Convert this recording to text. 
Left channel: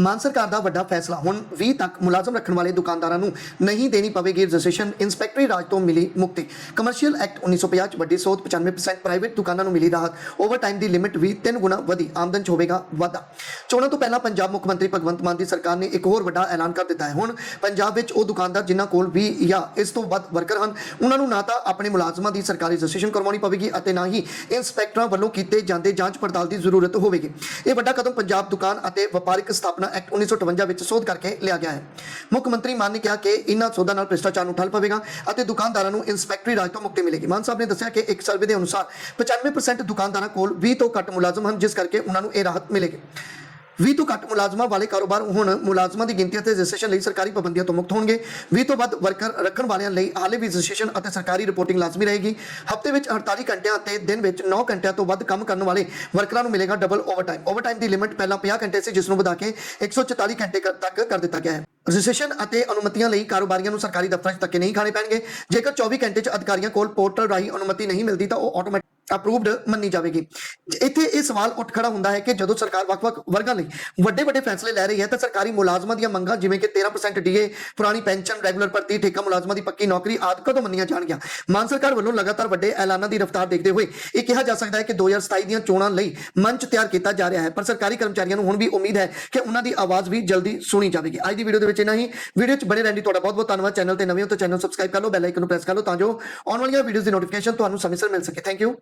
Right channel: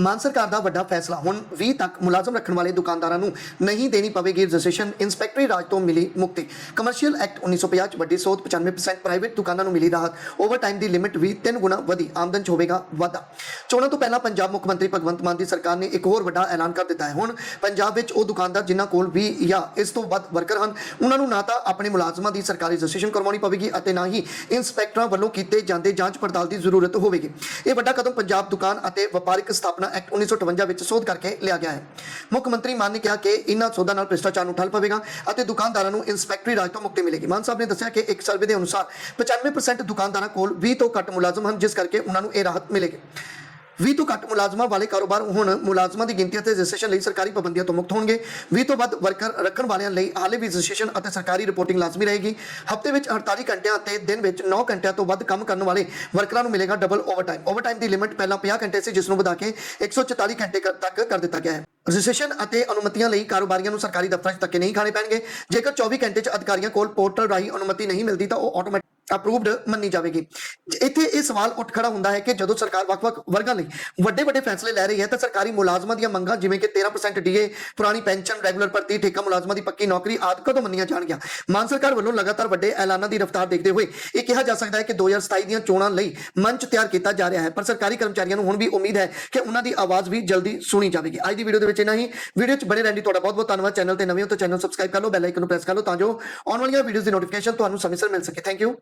ਮਾਨ ਸਰਕਾਰ ਦਾ ਵੱਡਾ ਫੈਸਲਾ। ਹੁਣ 20 ਤੱਕ ਮੁਲਾਜ਼ਮ ਰੱਖਣ ਵਾਲੇ ਦੁਕਾਨਦਾਰਾਂ ਨੂੰ ਨਹੀਂ ਦੇਣੀ ਪਵੇਗੀ ਰਜਿਸਟ੍ਰੇਸ਼ਨ ਇਨਸਪੈਕਟਰੀ ਰਾਜ ਤੋਂ ਮਿਲੀ ਮੁਕਤੀ। ਕਮਰਸ਼ੀਅਲ ਐਕਟ 1950 ਚ ਵੱਡੀ ਸੋਧ 95% ਪ੍ਰਾਈਵੇਟ ਦੁਕਾਨਾਂ ਨੂੰ ਮਿਲੀ ਰਾਹਤ। ਓਵਰਟਾਈਮ ਦੀ ਲਿਮਿਟ ਵੀ 3 ਗੁਣਾ ਵਧੀ, ਆਮਦਨ ਚ ਹੋਵੇਗਾ ਵਾਧਾ। ਚੋਣਾਂ ਤੋਂ ਪਹਿਲਾਂ ਪੰਜਾਬ ਮੁੱਖ ਮੰਤਰੀ ਭਗਵੰਤ ਮਾਨ ਦੀ ਸਰਕਾਰ ਨੇ ਇੱਕ ਹੋਰ ਵੱਡਾ ਐਲਾਨ ਕਰ ਦਿੱਤਾ ਹੈ। ਹੁਣ ਪੰਜਾਬ ਵਿੱਚ ਉਹ ਦੁਕਾਨਦਾਰ ਜਿਨ੍ਹਾਂ ਕੋਲ 20 ਜਾਂ ਇਸ ਤੋਂ ਵੱਧ ਵਰਕਰ ਹਨ, ਉਹਨਾਂ ਨੂੰ ਨਾ ਤਾਂ ਆਪਣੇ ਮੁਲਾਜ਼ਮਾਂ ਦੀ ਸਰਕਾਰੀ ਰਜਿਸਟ੍ਰੇਸ਼ਨ ਕਰਵਾਉਣੀ ਪਵੇਗੀ ਅਤੇ ਨਾ ਹੀ ਇੰਸਪੈਕਟਰਾਂ ਵੱਲੋਂ ਕੀਤੇ ਜਾਂਦੇ ਜਾਂਚ ਪੜਤਾਲ ਦੀ ਜ਼ਰੂਰਤ ਹੋਵੇਗੀ। ਇਹ ਵੱਡਾ ਕਦਮ ਪੰਜਾਬ ਦੁਕਾਨ ਅਤੇ ਵਪਾਰਕ ਸਥਾਪਨਾ ਐਕਟ 1958 ਵਿੱਚ ਸੋਧ ਕਰਕੇ ਲਿਆ ਗਿਆ ਹੈ। ਮੁੱਖ ਮੰਤਰੀ ਮਾਨ ਨੇ ਕਿਹਾ ਕਿ ਇਹਨਾਂ ਸੋਧਾਂ ਨਾਲ ਭ੍ਰਿਸ਼ਟਾਚਾਰ ਨੂੰ ਠੱਲ ਪਵੇਗਾ ਅਤੇ ਦੁਕਾਨਦਾਰਾਂ ਨੂੰ ਇੰਸਪੈਕਟਰੀ ਰਾਜ ਤੋਂ ਮੁਕਤੀ ਮਿਲੇਗੀ। ਮਾਨ ਸਾਹਿਬ ਨੇ ਦੱਸਿਆ ਕਿ ਇੱਕ ਸਰਵੇ ਦੇ ਅਨੁਸਾਰ 95% ਦੁਕਾਨਦਾਰਾਂ ਕੋਲ 20 ਤੋਂ ਘੱਟ ਮੁਲਾਜ਼ਮ ਹਨ, ਜਿਸ ਕਰਕੇ ਉਹਨਾਂ ਨੂੰ ਇਹ ਰਾਹਤ ਮਿਲੇਗੀ। 20 ਤੋਂ ਘੱਟ ਮੁਲਾਜ਼ਮਾਂ ਵਾਲੇ ਕਾਰੋਬਾਰ ਹੁਣ ਮੁਲਾਜ਼ਮਾਂ ਦੀ ਗਿਣਤੀ ਅਤੇ ਰਜਿਸਟ੍ਰੇਸ਼ਨ ਲਈ ਸਰਕਾਰੀ ਪਾਬੰਦੀਆਂ ਤੋਂ ਮੁਕਤ ਹੋਣਗੇ। 20 ਤੋਂ ਵੱਧ ਵਰਕਰ ਰੱਖਣ ਵਾਲਿਆਂ ਲਈ ਹਾਲੇ ਵੀ ਰਜਿਸਟ੍ਰੇਸ਼ਨ ਅਤੇ ਸਰਕਾਰੀ ਰਿਪੋਰਟਿੰਗ ਲਾਜ਼ਮੀ ਰਹੇਗੀ। ਹਫ਼ਤੇ ਵਿੱਚ 48 ਘੰਟਿਆਂ ਅਤੇ ਦਿਨ ਵਿੱਚ 9 ਘੰਟਿਆਂ ਤੋਂ ਵੱਧ ਕੰਮ ਕਰਨ ਵਾਲੇ ਵਰਕਰਾਂ ਨੂੰ ਮਿਲੇਗਾ ਡਬਲ ਓਵਰਟਾਈਮ ਓਵਰਟਾਈਮ ਦੀ ਲਿਮਿਟ ਪਹਿਲਾਂ 50 ਘੰਟੇ ਸੀ, ਜਿਸ ਨੂੰ ਵਧਾ ਕੇ 144 ਘੰਟੇ ਤੱਕ ਕਰ ਦਿੱਤਾ ਗਿਆ ਹੈ। ਰਜਿਸਟ੍ਰੇਸ਼ਨ ਅਤੇ ਅਨੁਮਤੀਆਂ ਲਈ ਕਾਰੋਬਾਰੀਆਂ ਨੂੰ ਸਰਕਾਰੀ ਦਫ਼ਤਰਾਂ 'ਚ ਧੱਕੇ ਨਹੀਂ ਖਾਣੇ ਪੈਣਗੇ। ਜੇਕਰ 24 ਘੰਟੇ 'ਚ ਅਧਿਕਾਰੀਆਂ ਕੋਲ ਪੋਰਟਲ ਰਾਹੀਂ ਅਨੁਮਤੀ ਨਹੀਂ ਮਿਲਦੀ ਤਾਂ ਉਹ ਆਟੋਮੈਟਿਕ ਅਪਰੂਵਡ ਮੰਨੀ ਜਾਵੇਗੀ। ਇੱਥੇ ਇਹ ਸਵਾਲ ਉੱਠ ਖੜਾ ਹੁੰਦਾ ਹੈ ਕਿ ਜਦੋਂ ਸਰਕਾਰ ਵੱਖ-ਵੱਖ ਵਰਗਾਂ ਲਈ ਵੱਡੇ ਵੱਡੇ ਫੈਸਲੇ ਲੈ ਰਹੀ ਹੈ ਤਾਂ ਸਰਕਾਰੀ ਮੁਲਾਜ਼ਮਾਂ ਦੀਆਂ ਮੰਗਾਂ ਜਿਵੇਂ ਕਿ 13% ਡੀਏ, ਪੁਰਾਣੀ ਪੈਨਸ਼ਨ ਰੈਗੂਲਰ ਭਰਤੀ, ਠੇਕਾ ਮੁਲਾਜ਼ਮਾਂ ਦੀ ਪੱਕੀ ਨੌਕਰੀ ਆਦਿ ਕਦੋਂ ਮੰਨੀਆਂ ਜਾਣਗੀਆਂ? ਮਾਨ ਸਰਕਾਰ ਵੱਲੋਂ ਲਗਾਤਾਰ ਵੱਡੇ ਐਲਾਨਾਂ ਦੀ ਰਫ਼ਤਾਰ ਦੇਖਦੇ ਹੋਏ ਇਹ ਕਿਹਾ ਜਾ ਸਕਦਾ ਹੈ ਕਿ 2027 ਦੀਆਂ ਚੋਣਾਂ ਲਈ ਮੰਚ ਤਿਆਰ ਕੀਤਾ ਜਾ ਰਿਹਾ ਹੈ, ਪਰ ਸਰਕਾਰੀ ਕਰਮਚਾਰੀਆਂ ਨੂੰ ਹੁਣ ਵੀ ਉਮੀਦ ਹੈ ਕਿ ਉਹਨਾਂ ਦੀ ਆਵਾਜ਼ ਵੀ ਜਲਦੀ ਸੁਣੀ ਜਾਵੇਗੀ। ਅੱਜ ਦੀ ਵੀਡੀਓ ਦੇ ਵਿੱਚ ਇਹਨਾਂ ਹੀ। ਵੀਡੀਓ 'ਚ ਬਣੇ ਰਹਿਣ ਲਈ ਤੁਹਾਡਾ ਬਹੁਤ ਬਹੁਤ ਧੰਨਵਾਦ। ਚੈਨਲ ਤੇ ਨਵੇਂ ਹੋ ਤਾਂ ਚੈਨਲ ਸਬਸਕ੍ਰਾਈਬ ਕਰ ਲਓ ਬੈਲ ਆਈਕਨ ਨੂੰ ਪ੍ਰੈਸ ਕਰ ਲਓ ਤਾਂ ਜੋ ਆਉਣ ਵਾਲੀਆਂ ਵੀਡੀਓਜ਼ ਦੀ ਨੋਟੀਫਿਕੇਸ਼ਨ ਤੁਹਾਨੂੰ ਸਮੇਂ ਸਿਰ ਮਿਲ ਸਕੇ। Thank you